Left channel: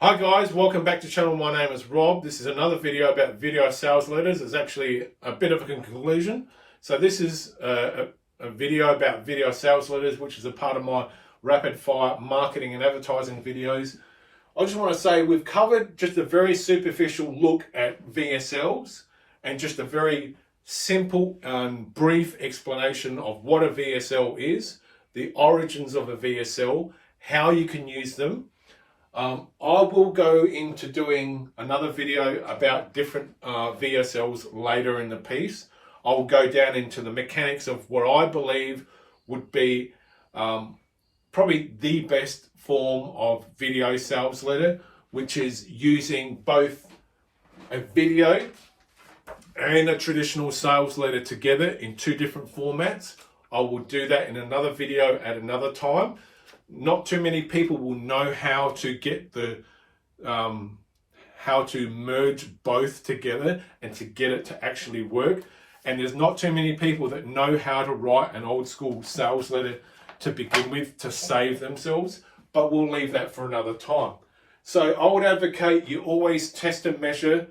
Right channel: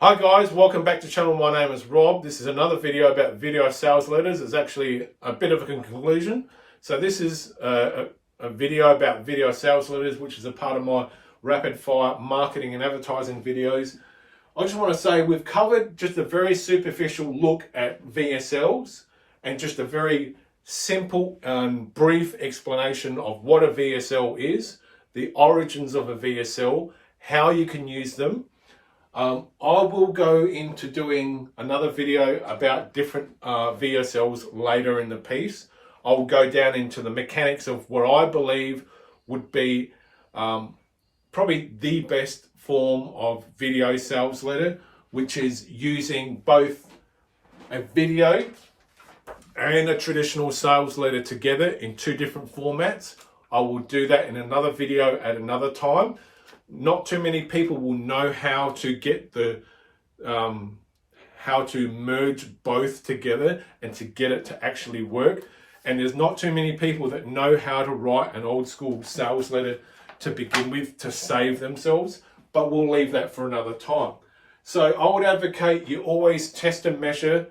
Hi guys, welcome back to the channel. My name is Rob. This is another video about video sales letters. It's actually a bit of a conclusion. So this is a video about video sales letters, which is a part of my rapid fire marketing and advertising videos. I just want to say we've covered just a very superficial look at VSLs and just a very simple and brief explanation of what a VSL is, the origins of a VSL, how you can use them. I will go into doing another video about different VSLs later in the piece. I will go down into the mechanics of what I believe would be probably the best form of video sales letter, which is using both a video and a traditional sales letter together in two different formats. I will do that in another video at another time. Not too many people will know how to get how to merge both together and to get it to actually work. And there's not too many people that know how to write an old school sales letter to begin with to save themselves, but we'll leave that for another time. So I would advocate you always test and measure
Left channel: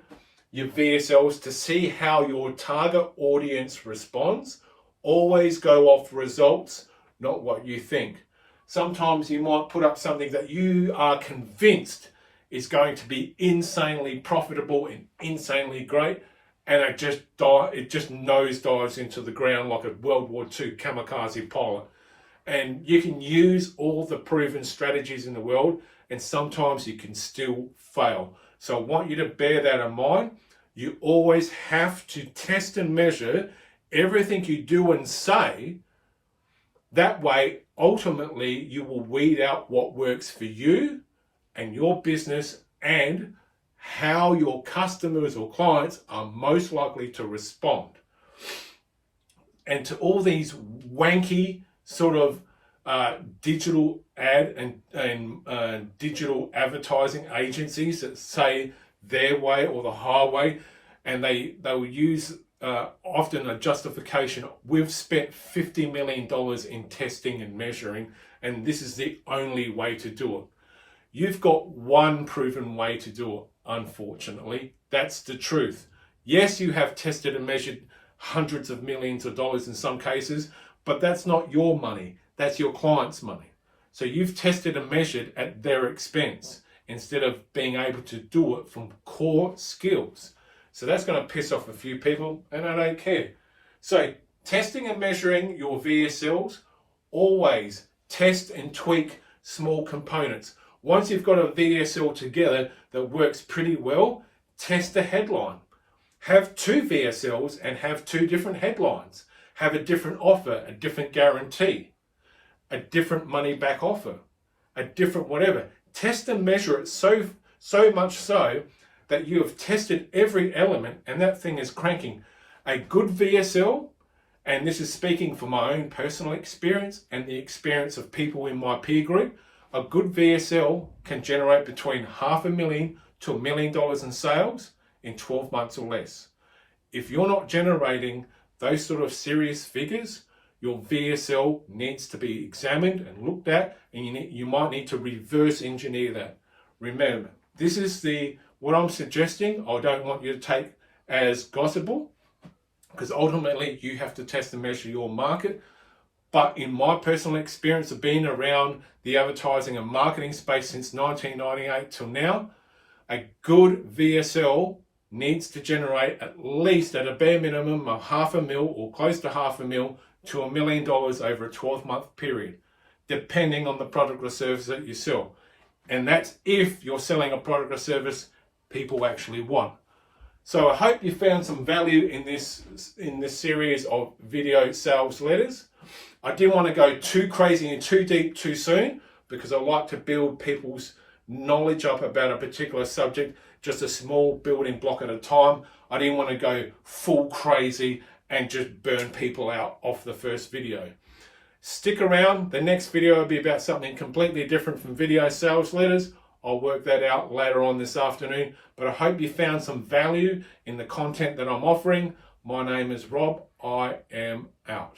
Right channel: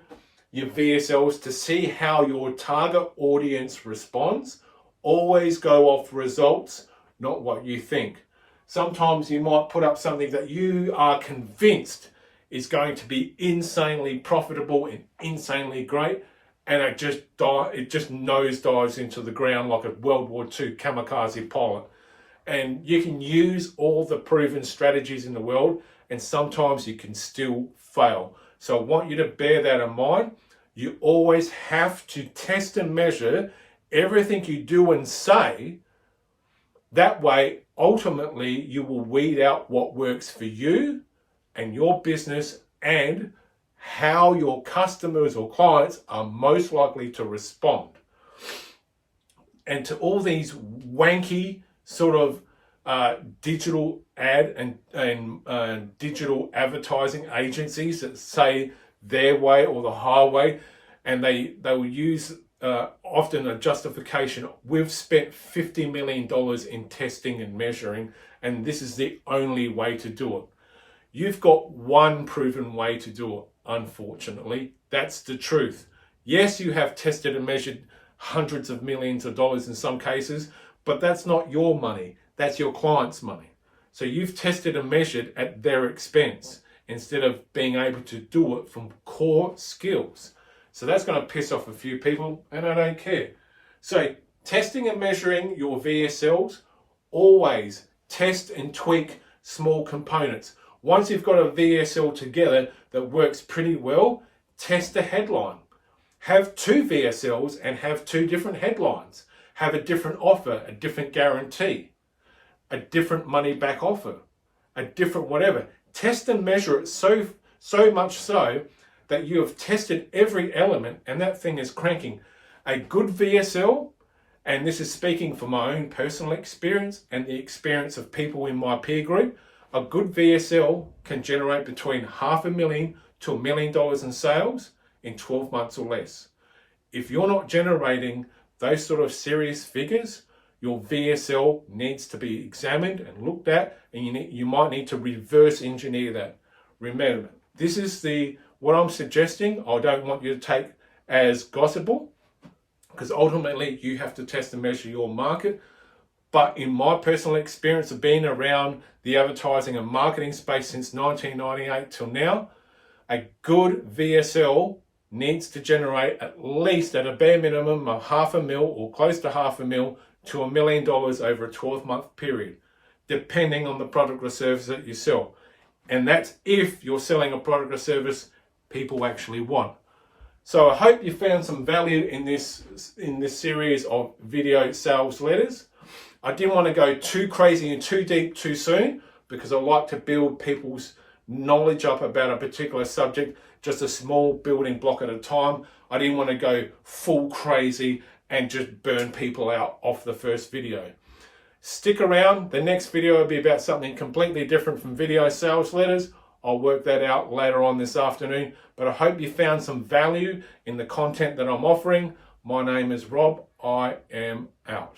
your VSLs to see how your target audience responds. Always go off results, not what you think. Sometimes you might put up something that you are convinced is going to be insanely profitable and insanely great, and it just nosedives into the ground like a World War II kamikaze pilot. And you can use all the proven strategies in the world, and sometimes you can still fail. So I want you to bear that in mind. You always have to test and measure everything you do and say. That way, ultimately, you will weed out what works for you and your business and how your customers or clients are most likely to respond. And to all these wanky sort of digital ad and digital advertising agencies that say their way or the highway, and they will use often a justification. We've spent $50 million in testing and measuring, and this is the only way to do it. You've got one proven way to do it, unfortunately. That's the truth. Yes, you have tested and measured hundreds of millions of dollars in some cases, but that's not your money. That's your client's money. So you've tested and measured at their expense instead of being able to do it from core skills. So that's going to piss off a few people, and I don't care. So testing and measuring your VSLs, always test and tweak small components. Once you've got a VSL together that works pretty well, test the headline. Have two VSLs and have two different headlines. Have a different offer, a different guarantee, a different money back offer, a different whatever. Test and measure it so much so that you have tested every element and that thing is cranking. A good VSL, and this is speaking from my own personal experience and the experience of people in my peer group, a good VSL can generate between $500,000 to $1 million in sales in 12 months or less. If you're not generating those sort of serious figures, your VSL needs to be examined and looked at, and you might need to reverse engineer that. Remember, this is what I'm suggesting. I don't want you to take as gospel, because ultimately you have to test and measure your market. But in my personal experience of being around the advertising and marketing space since 1998 till now, a good VSL needs to generate at least at a bare minimum of $500,000 or close to $500,000 to $1 million over a 12-month period, depending on the product or service that you sell. And that's if you're selling a product or service people actually want. So I hope you found some value in this series of video sales letters. I didn't want to go too crazy and too deep too soon, because I like to build people's knowledge up about a particular subject, just a small building block at a time. I didn't want to go full crazy and just burn people out off the first video. Stick around. The next video will be about something completely different from video sales letters. I'll work that out later on this afternoon, but I hope you found some value in the content that I'm offering. My name is Rob. I am out.